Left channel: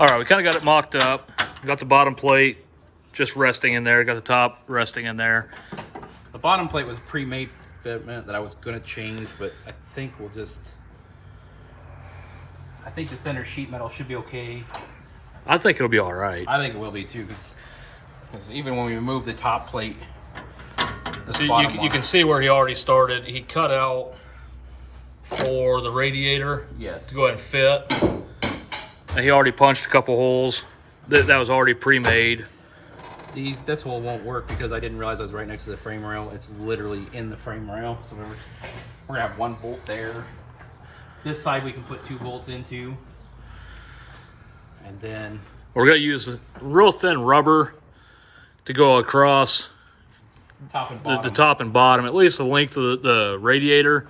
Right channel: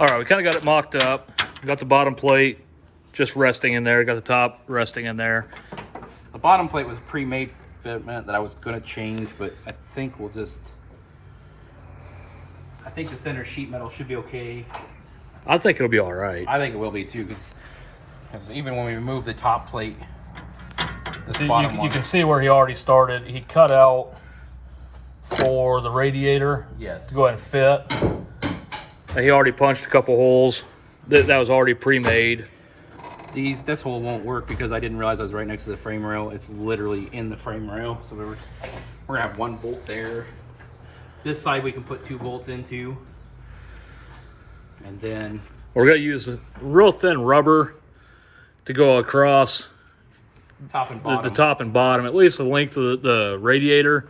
All right, we kind of got it mocked up. Got the bottom plate just resting in there. Got the top resting in there. The bottom plate was pre-made fitment that I was gonna change, but I think I think the thinner sheet metal should be okay. I think it'll be all right. I think it will be too, because even when we remove the top plate, so you can see where he already started. He cut out for the radiator. Yes. To go ahead and fit. And he already punched a couple holes. That was already pre-made. This hole won't work because I didn't realize I was right next to the frame rail. It's literally in the frame rail. So we're gonna have 1 bolt there. This side we can put 2 bolts into. And then we're gonna use real thin rubber to go across top and bottom. The top and bottom, at least the length of the radiator,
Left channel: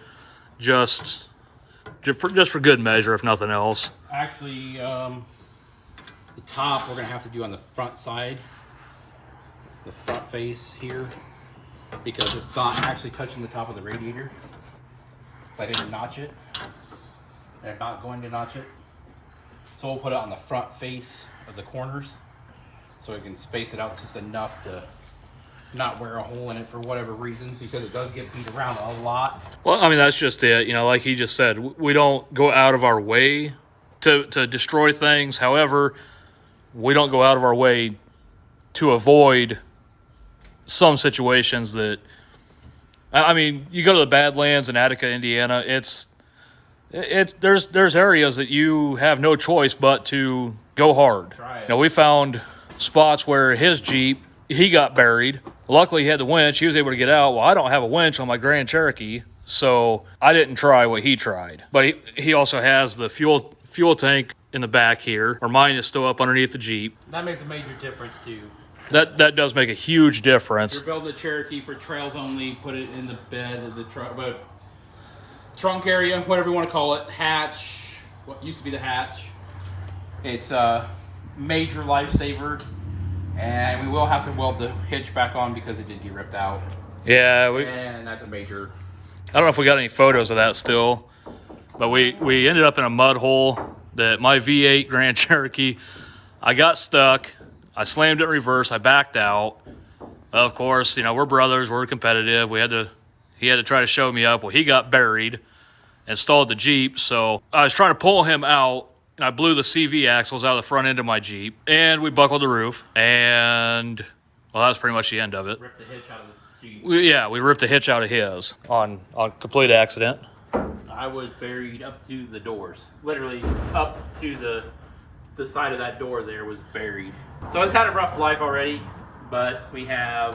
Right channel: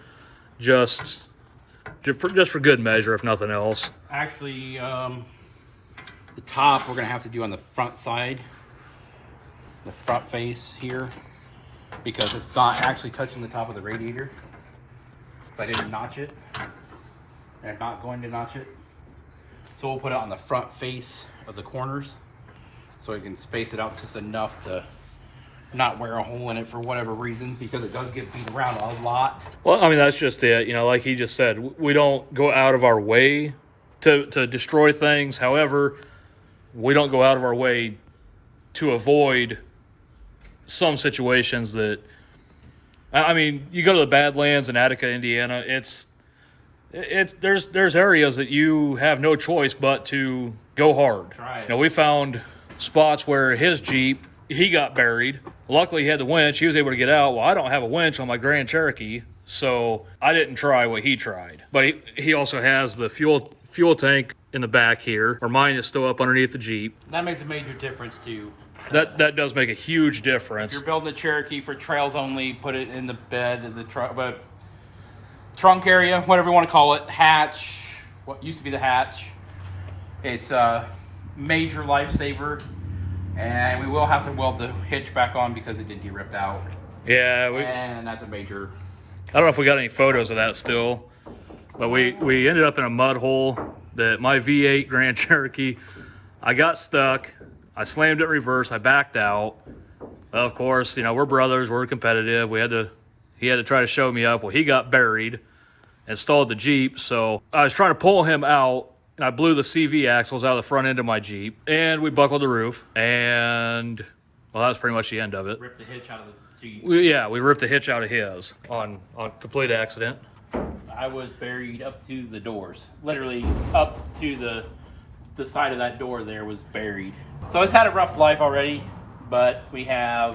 just for good measure, if nothing else. Actually, the top we're gonna have to do on the front side, the front face here, because it's not actually touching the top of the radiator. I didn't notch it, and I'm not going to notch it. So we'll put it on the front face of the corners, so we can space it out just enough to not wear a hole in it for whatever reason, because it does get beat around a lot. Well, I mean, that's just it. You know, like he just said, we don't go out of our way to destroy things. However, we don't go out of our way to avoid some situations that, I mean, you go to the Badlands in Attica, Indiana, there's areas that you have no choice but to go hard. Right. You know, we found spots where his Jeep, he got buried. Luckily, he had the winch. He was able to get out. Well, I don't have a winch on my Grand Cherokee, so I didn't try what he tried. But he also has the fuel tank in the back here, where mine is still up underneath the Jeep. That makes a major difference too. That does make a huge difference. If you're building a Cherokee for trails only, put it in the bed of the truck, but trunk area, whatever you want to call it, hatch, what used to be the hatch. It's a major lifesaver, and we will have to weld the hitch back on because it did get ripped out. Yeah, and that's a major. I don't know if we got any photos of that still, but we ended up in a mud hole that my V8 Grand Cherokee, I got stuck. I slammed it in reverse. I backed out. Of course, you know, we're brothers. We're competitive. He had to try to show me up. Well, he got buried and stalled the Jeep. So I was trying to pull him out, and I blew the CV axles out of the front end of my Jeep, and we buckled the roof. And, well, that was pretty much the end of it. Ripped the hitch out of the Jeep. We ripped the hitch out of his on complete accident. I was buried up to the doors. Literally up to the side of that door there was buried. So it's had a rough life already, but we have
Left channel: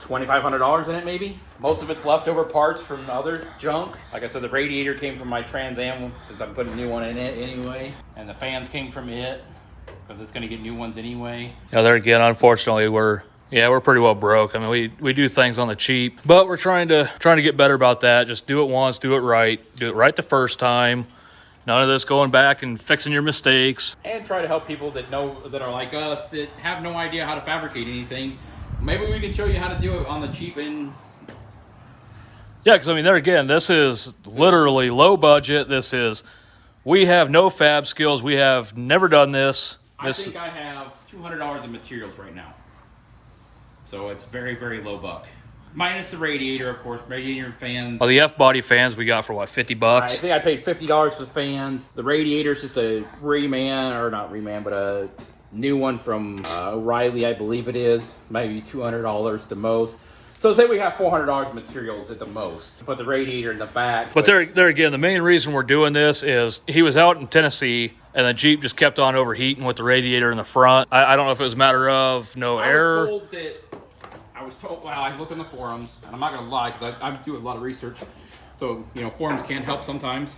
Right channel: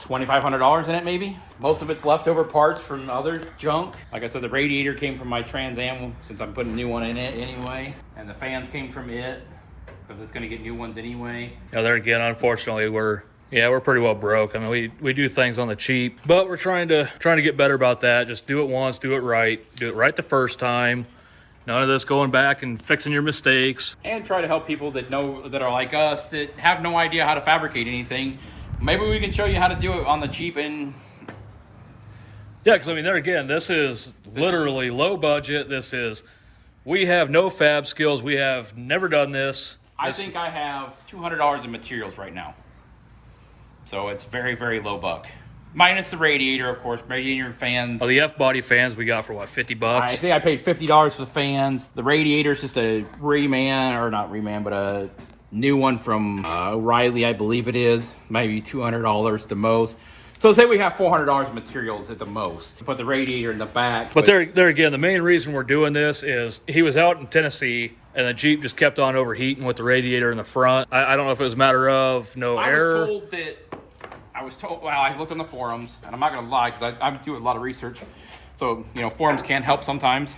$2,500 in it maybe. Most of it's leftover parts from other junk. Like I said, the radiator came from my Trans Am since I'm putting a new one in it anyway. And the fans came from it because it's gonna get new ones anyway. Now there again, unfortunately, we're pretty well broke. I mean, we do things on the cheap, but we're trying to get better about that. Just do it once, do it right the first time. None of this going back and fixing your mistakes. And try to help people that are like us, that have no idea how to fabricate anything. Maybe we can show you how to do it on the cheap. And yeah, because I mean, there again, this is literally low budget. We have no fab skills. We have never done this. I think I have $200 in materials right now. So it's very, very low buck. Minus the radiator, of course, radiator fans. Oh, the F-body fans we got for what, $50? I think I paid $50 for the fans. The radiator's just a but a new one from O'Reilly, I believe it is. Maybe $200 the most. So say we have $400 in materials at the most. Put the radiator in the back. But there again, the main reason we're doing this is he was out in Tennessee, and the Jeep just kept on overheating with the radiator in the front. I don't know if it was a matter of no air. I was told, well, I looked on the forums, and I'm not going to lie because I do a lot of research. So, you know, forums can help sometimes.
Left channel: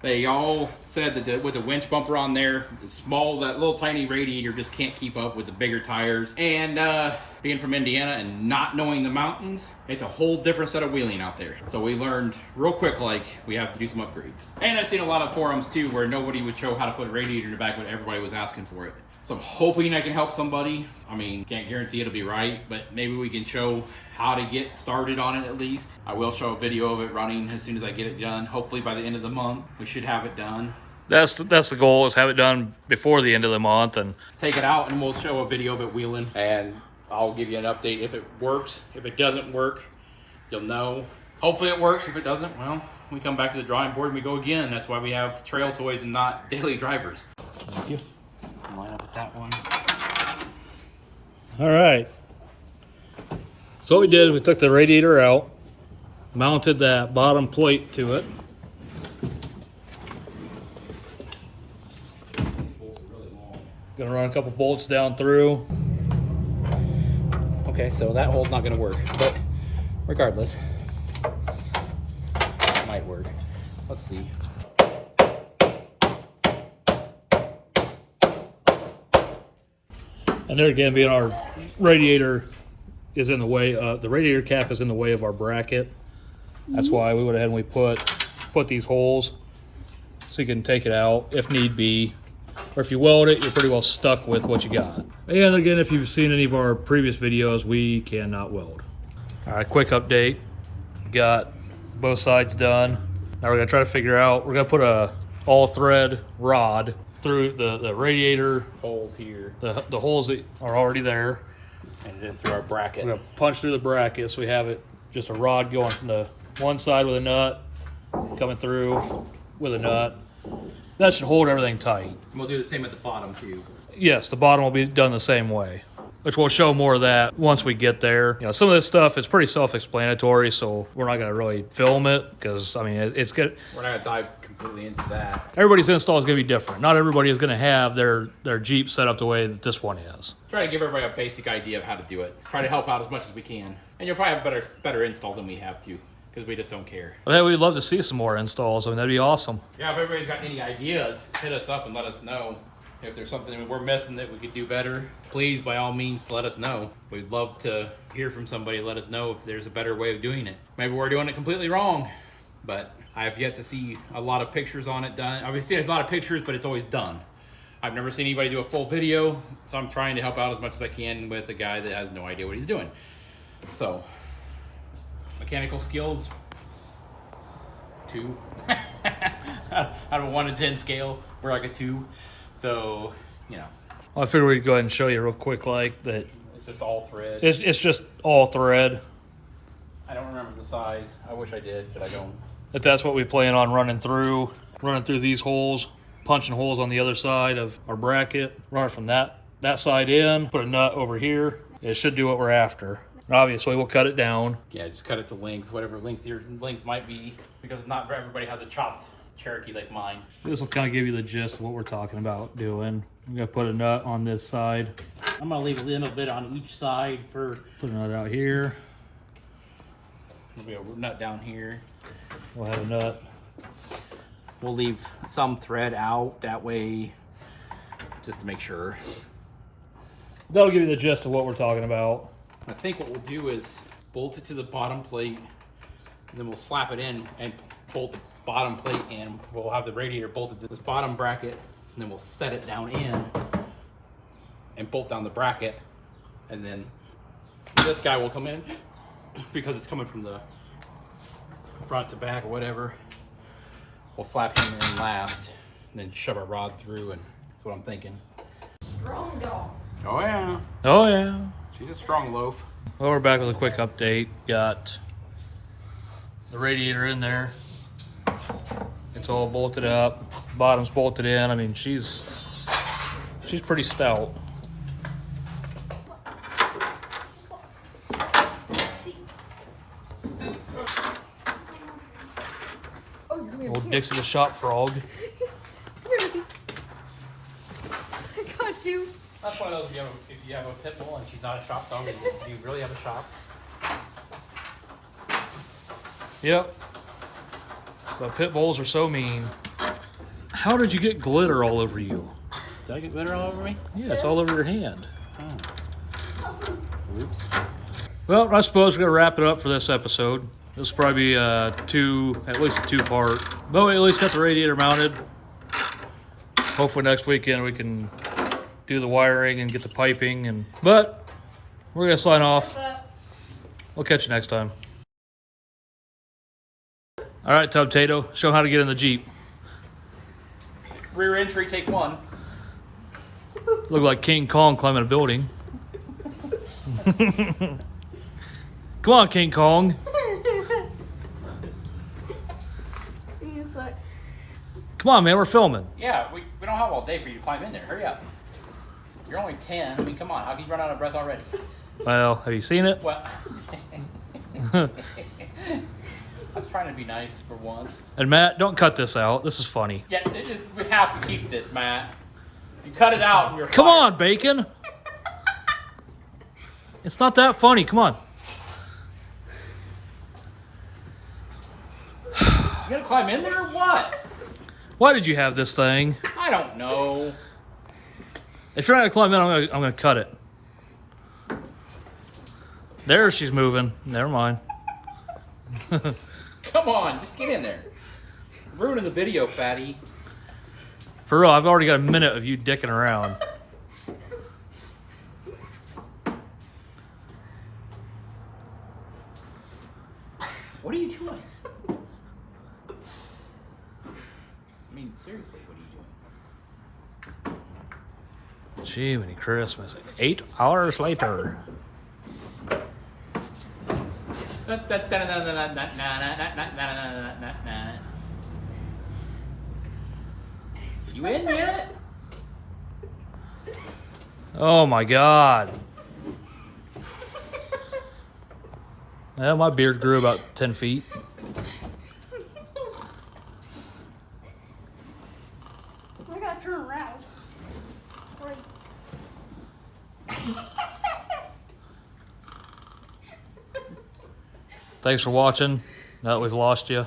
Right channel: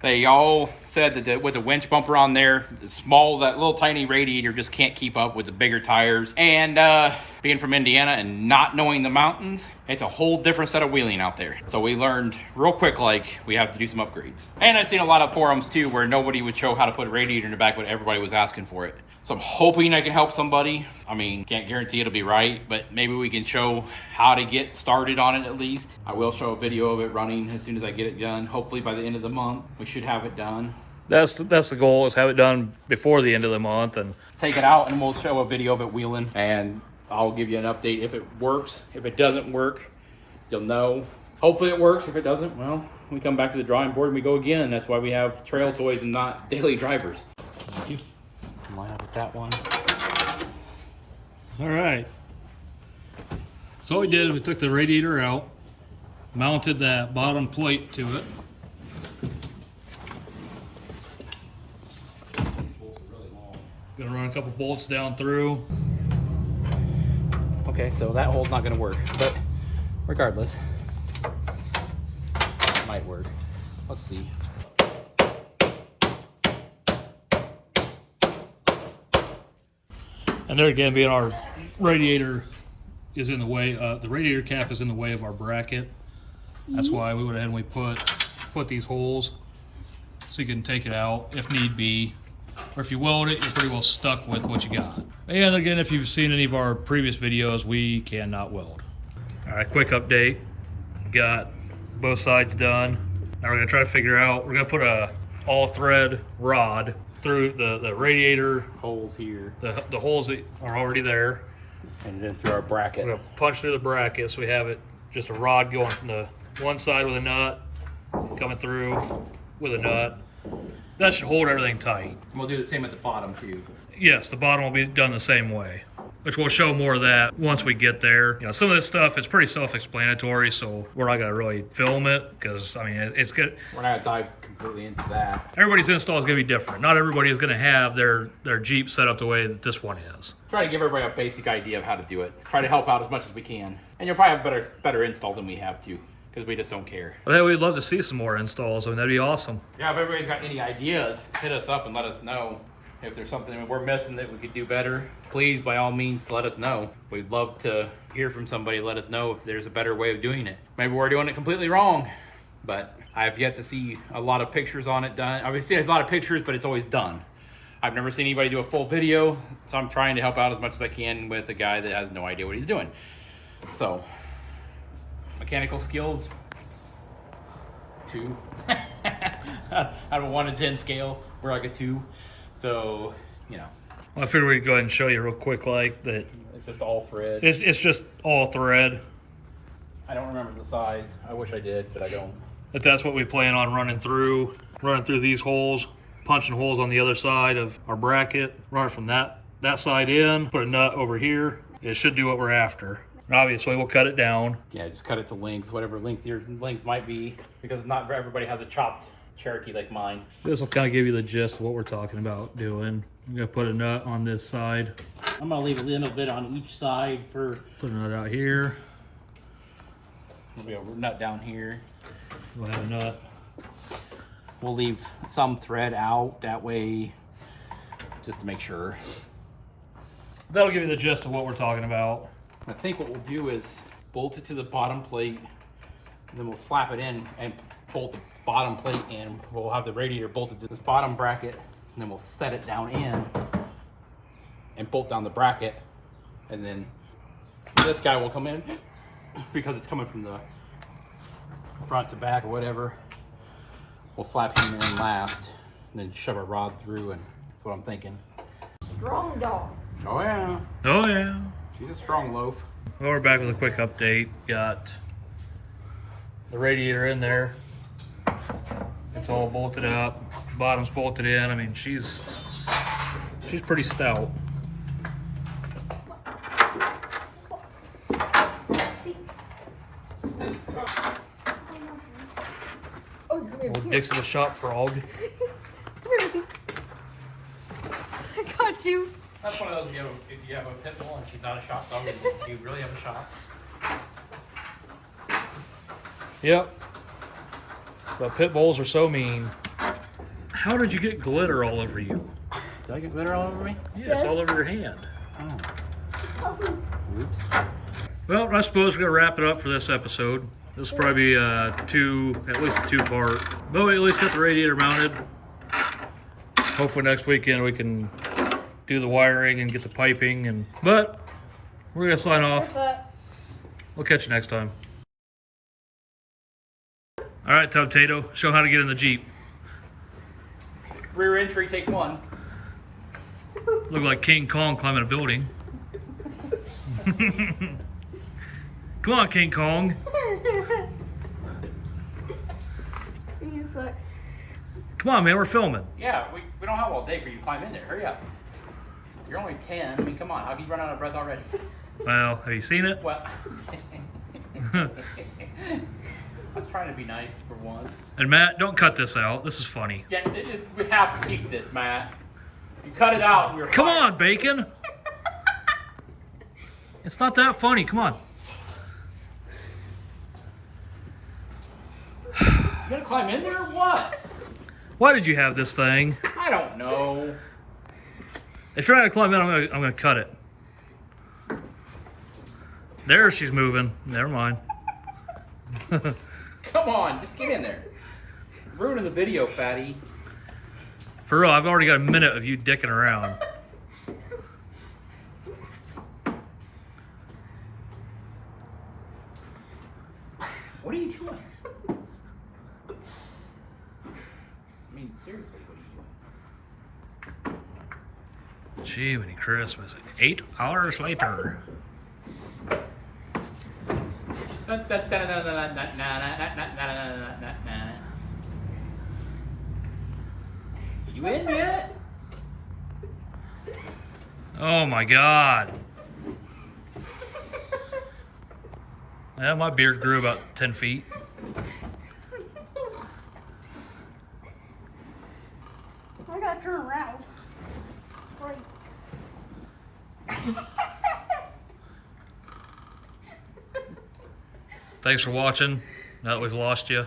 They all said that with the winch bumper on there, that little tiny radiator just can't keep up with the bigger tires. And being from Indiana and not knowing the mountains, it's a whole different set of wheeling out there. So we learned real quick, like, we have to do some upgrades. And I've seen a lot of forums too where nobody would show how to put a radiator in the back, but everybody was asking for it. So I'm hoping I can help somebody. I mean, can't guarantee it'll be right, but maybe we can show how to get started on it at least. I will show a video of it running as soon as I get it done. Hopefully by the end of the month, we should have it done. That's the goal, is have it done before the end of the month. And take it out and we'll show a video of it wheeling, and I'll give you an update if it works. If it doesn't work, you'll know. Hopefully it works. If it doesn't, well, we come back to the drawing board and we go again. That's why we have trail toys and not daily drivers. Thank you. Line up with that one. all right. So what we did is we took the radiator out, mounted that bottom plate to it. Gonna run a couple bolts down through. Okay, so that hole's not gonna work, but regardless, it might work. Let's see. And there again, being our radiator is in the way, the radiator cap is in the way of our bracket. That's why we went ahead and we put these holes so you can take it out if need be. Or if you weld it, you're pretty well stuck with what you got. And again, if you've seen any of our previous videos, we cannot weld. All right, quick update. Got both sides done. Now we're gonna try to figure out, we're gonna put a all thread rod through the radiator Holes here, the holes that are already there. and then through our bracket. We're gonna punch through the bracket so we have it just a rod going from the one side with a nut, coming through with a nut. That should hold everything tight. We'll do the same at the bottom too. Yes, the bottom will be done the same way, which we'll show more of that once we get there. You know, some of this stuff is pretty self-explanatory, so we're not gonna really film it because, I mean, it's good. We're not gonna dive completely into that. Everybody's install is gonna be different. Not everybody is gonna have their Jeep set up the way that this one is. Try to give everybody a basic idea of how to do it. Try to help out as much as we can. And you'll probably have better install than we have too, because we just don't care. But hey, we'd love to see some more installs. I mean, that'd be awesome. Yeah, if everybody's got any ideas, hit us up and let us know. If there's something we're missing that we could do better, please, by all means, let us know. We'd love to hear from somebody. Let us know if there's a better way of doing it. Maybe we're doing it completely wrong, but I have yet to see a lot of pictures on it done. Obviously, there's a lot of pictures, but it's always done. I've never seen anybody do a full video, so I'm trying to help out as much as I can with a guy that has no idea what he's doing. So, mechanical skills, 2. Out of a 1 to 10 scale, we're like a 2. So, you know. Well, I figured we'd go ahead and show you real quick, like that. It's just all thread. It's just all thread. I don't remember the size. I wish I did, but I don't. But that's what we plan on running through these holes, punching holes on the other side of our bracket, running from that side in, put a nut over here. It should do what we're after. And obviously, we'll cut it down. Yeah, just cut it to length, whatever length your length might be, because not everybody has a chopped Cherokee like mine. This will kind of give you the gist of what we're talking about doing. I'm gonna put a nut on this side. I'm gonna leave a little bit on each side for. Put a nut out here. There'll be a nut down here. We'll have a nut. We'll leave some thread out that way, just to make sure. That'll give you the gist of what we're talking about. I think what we'll do is bolt it to the bottom plate, and then we'll slap it in and bolt the bottom plate in. We'll have the radiator bolted to this bottom bracket, and then we'll set it down in and bolt down the bracket, and then this guy will come in because it's coming from the front to back or whatever. We'll slap him in last, and then shove our rod through, and that's what I'm thinking. Strong dog. Oh yeah, Oh yeah. she's a strong loaf. Well, we're back with a quick update. Got the radiator in there. It's all bolted up. Bottom's bolted in. I mean, she's pretty stout. Old Dixie the shop frog. I got you. That's one of those, if you have a pit bull and she's not a shop dog, you really have a shop. Yep. But pit bulls are so mean. How did you get glitter all over you? Did I get glitter all over me? Yeah, it's all over your hand. Oh. Oops. Well, I suppose we're gonna wrap it up for this episode. This will probably be at least a 2-part. But we at least got the radiator mounted. Hopefully next weekend we can do the wiring and get the piping. But we're gonna sign off. We'll catch you next time. All right, Tub Tato, show them how to get in the Jeep. Rear entry, take one. Look like King Kong climbing a building. Come on, King Kong. He's like, Come on, man, we're filming. Yeah, we don't have all day for you to climb in there. Hurry up. You're only 10. I mean, come on. How can you run out of breath already? Well, have you seen it? What? I was trying to be nice for once. And Matt, don't cut this out. This is funny. Yeah, we have to keep this, Matt. You cut it out and you're Come fired. on, Bacon. It's not that funny. Come on. You gonna climb in there or what? Why did you have this thing? I don't know. If you're not gonna climb in, I'm gonna cut it. There, she's moving. Never mind. Come on, just get in there. Ruining the video, fatty. For real, I've already got a minute of you dicking around. What are you doing? I mean, seriously, what are you doing? Gee, many Christmas. 8 hours later. You in yet? Oh my God. Yeah, my beard grew about 10 feet. I gotta turn around. Wait. Thanks for watching. Now that we've lost you.